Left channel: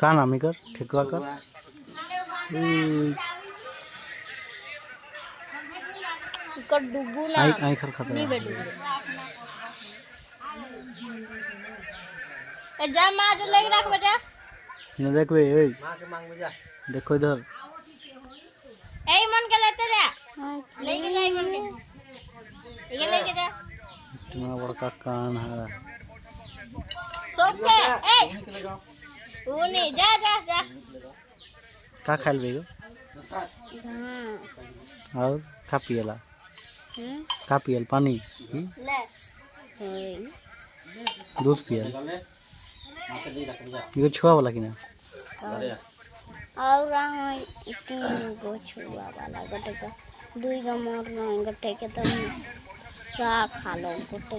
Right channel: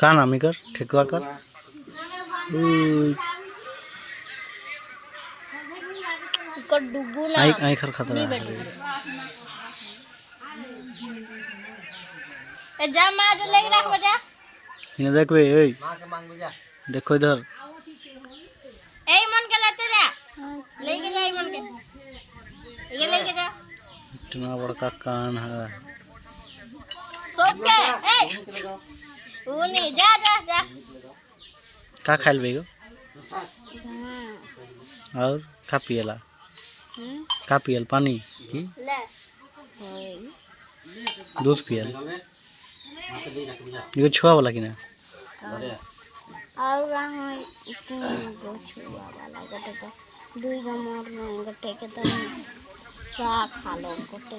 का नाम कर ठेकुआ कर आई खर खतरा जा मां जो लेके रख बजा इन्हें देख बे ए देखो इधर ए मन के लेते जा लेके जा मन के ये लेके जा इतना बड़ा कान है सोच के ए वो नहीं जा जा जा का खाइल बेगो और का पियला का पियल पानी की ले दूध पियल ये छुआ वाला की ना और तीन छुआ वाला गटे दुई गो मोर गटे के तो सा खा लो गटे